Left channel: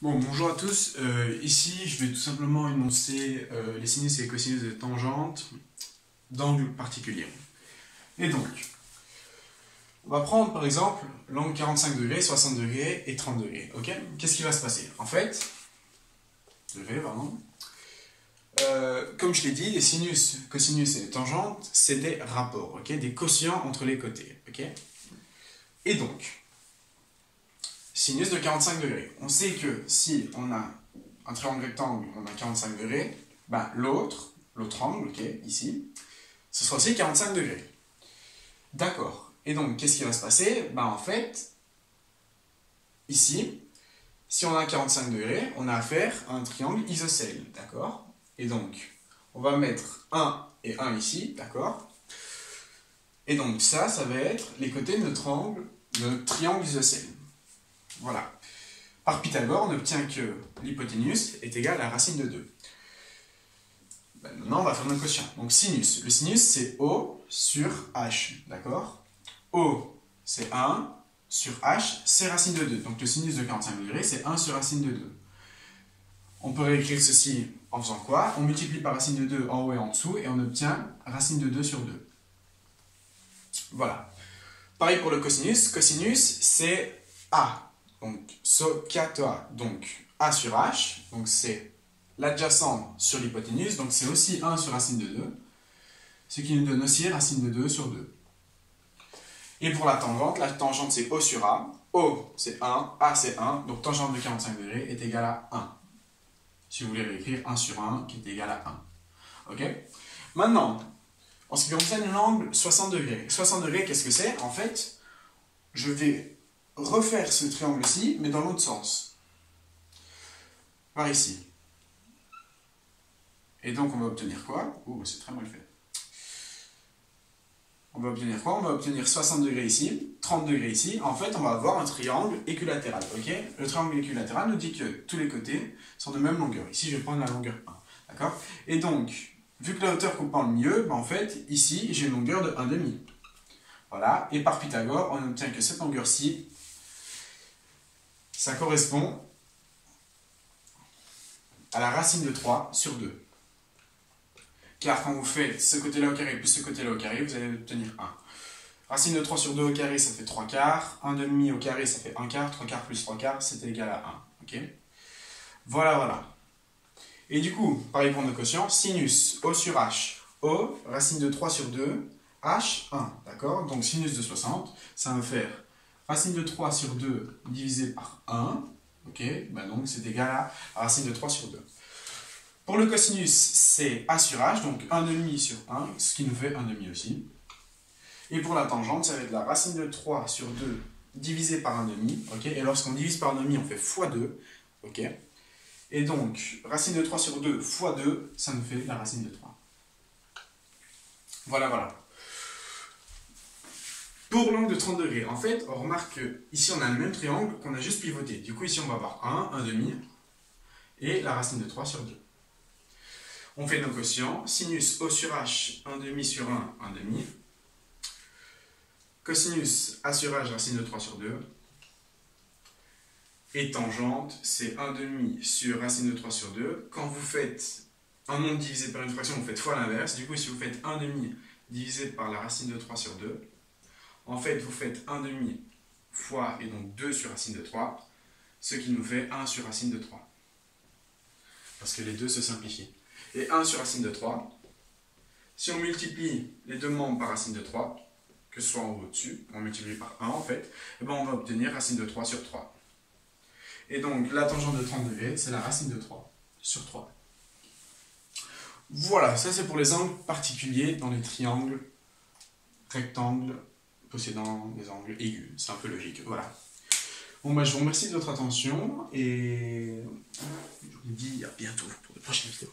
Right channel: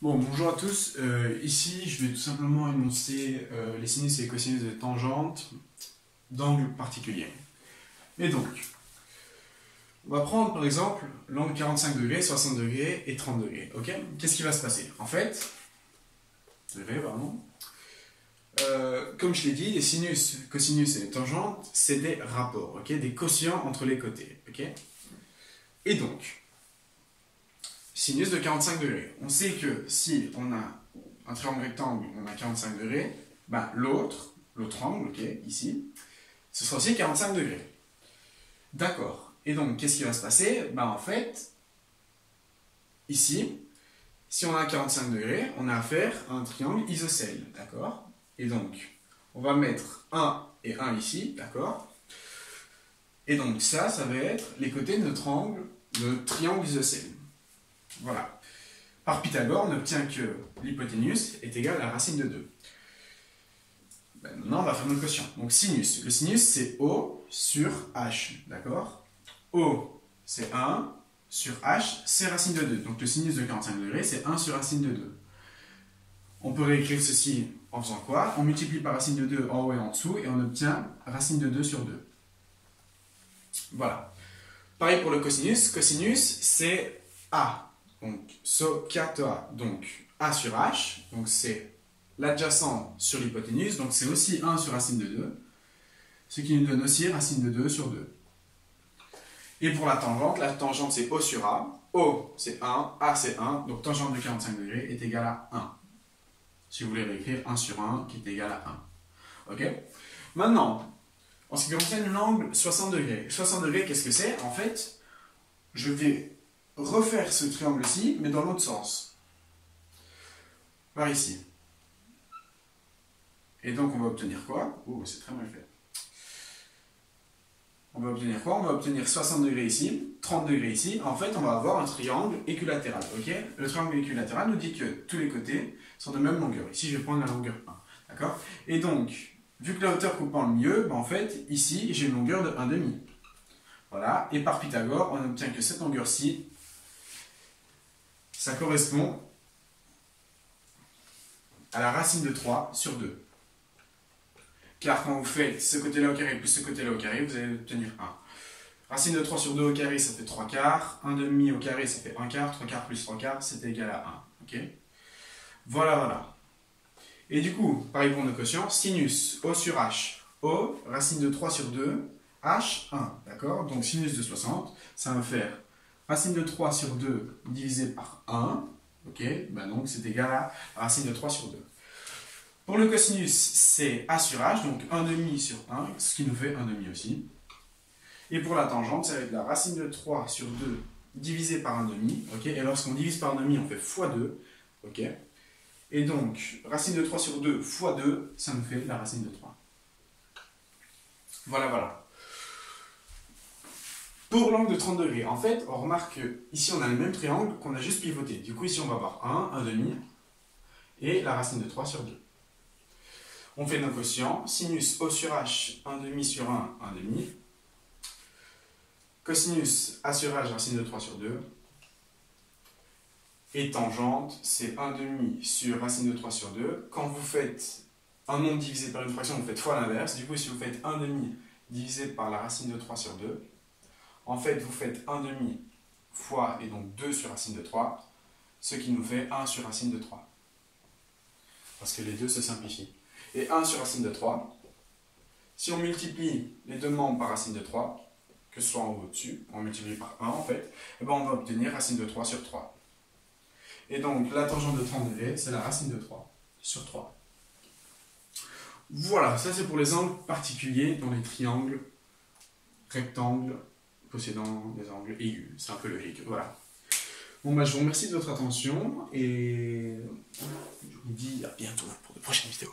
Bon, bonjour à tous. Ici, je vais tout simplement énoncer les sinus et les cosinus des tangentes d'angles particuliers. Et donc, on va prendre par exemple l'angle 45 degrés, 60 degrés et 30 degrés. Ok? Qu'est-ce qui va se passer? En fait, comme je l'ai dit, les sinus, cosinus et les tangentes, c'est des rapports, ok? Des quotients entre les côtés. Ok? Et donc, sinus de 45 degrés. On sait que si on a un triangle rectangle, on a 45 degrés, ben l'autre angle, ok, ici, ce sera aussi 45 degrés. D'accord. Et donc, qu'est-ce qui va se passer? Ben en fait, ici, si on a 45 degrés, on a affaire à un triangle isocèle, d'accord? Et donc, on va mettre 1 et 1 ici, d'accord? Et donc, ça va être les côtés de notre triangle isocèle. Voilà. Par Pythagore, on obtient que l'hypoténuse est égale à la racine de 2. Ben, maintenant, on va faire notre quotient. Donc, sinus. Le sinus, c'est O sur H. D'accord? O, c'est 1 sur H, c'est racine de 2. Donc, le sinus de 45 degrés, c'est 1 sur racine de 2. On peut réécrire ceci en faisant quoi? On multiplie par racine de 2 en haut et en dessous, et on obtient racine de 2 sur 2. Voilà. Pareil pour le cosinus. Cosinus, c'est A. Donc, SOCATA, donc A sur H, donc c'est l'adjacent sur l'hypoténuse, donc c'est aussi 1 sur racine de 2, ce qui nous donne aussi racine de 2 sur 2. Et pour la tangente c'est O sur A, O c'est 1, A c'est 1, donc tangente de 45 degrés est égale à 1. Si vous voulez réécrire 1 sur 1 qui est égal à 1. Ok? Maintenant, en ce qui concerne l'angle 60 degrés. 60 degrés, qu'est-ce que c'est? En fait, je vais refaire ce triangle-ci, mais dans l'autre sens. Par ici. Et donc, on va obtenir quoi? Oh, c'est très mal fait. On va obtenir quoi? On va obtenir 60 degrés ici, 30 degrés ici. En fait, on va avoir un triangle équilatéral. Ok? Le triangle équilatéral nous dit que tous les côtés sont de même longueur. Ici, je vais prendre la longueur 1. D'accord? Et donc, vu que la hauteur coupe en le milieu, ben en fait, ici, j'ai une longueur de 1,5. Voilà. Et par Pythagore, on obtient que cette longueur-ci, ça correspond à la racine de 3 sur 2. Car quand vous faites ce côté-là au carré plus ce côté-là au carré, vous allez obtenir 1. Racine de 3 sur 2 au carré, ça fait 3 quarts. 1,5 au carré, ça fait 1 quart. 3 quarts plus 3 quarts, c'est égal à 1. Ok? Voilà, voilà. Et du coup, pareil pour nos quotients, sinus O sur H. O, racine de 3 sur 2, H, 1. D'accord? Donc sinus de 60, ça va faire racine de 3 sur 2 divisé par 1. Ok? Ben donc c'est égal à racine de 3 sur 2. Pour le cosinus, c'est A sur H, donc 1,5 sur 1, ce qui nous fait 1,5 aussi. Et pour la tangente, ça va être la racine de 3 sur 2 divisé par 1,5. Okay? Et lorsqu'on divise par 1,5, on fait x2. Okay? Et donc, racine de 3 sur 2 fois 2, ça nous fait la racine de 3. Voilà, voilà. Pour l'angle de 30 degrés, en fait, on remarque qu'ici, on a le même triangle qu'on a juste pivoté. Du coup, ici, on va avoir 1, 1,5, et la racine de 3 sur 2. On fait nos quotients. Sinus O sur H, 1,5 sur 1, 1,5. Cosinus A sur H, racine de 3 sur 2. Et tangente, c'est 1,5 sur racine de 3 sur 2. Quand vous faites un nombre divisé par une fraction, vous faites fois l'inverse. Du coup, si vous faites 1,5 divisé par la racine de 3 sur 2, en fait, vous faites 1,5 fois, et donc 2 sur racine de 3, ce qui nous fait 1 sur racine de 3. Parce que les deux se simplifient. Et 1 sur racine de 3, si on multiplie les deux membres par racine de 3, que ce soit en haut ou au-dessus, on multiplie par 1 en fait, et ben on va obtenir racine de 3 sur 3. Et donc la tangente de 30 degrés, c'est la racine de 3 sur 3. Voilà, ça c'est pour les angles particuliers dans les triangles rectangles possédant des angles aigus. C'est un peu logique, voilà. Bon, bah, je vous remercie de votre attention et je vous dis à bientôt pour de prochaines vidéos.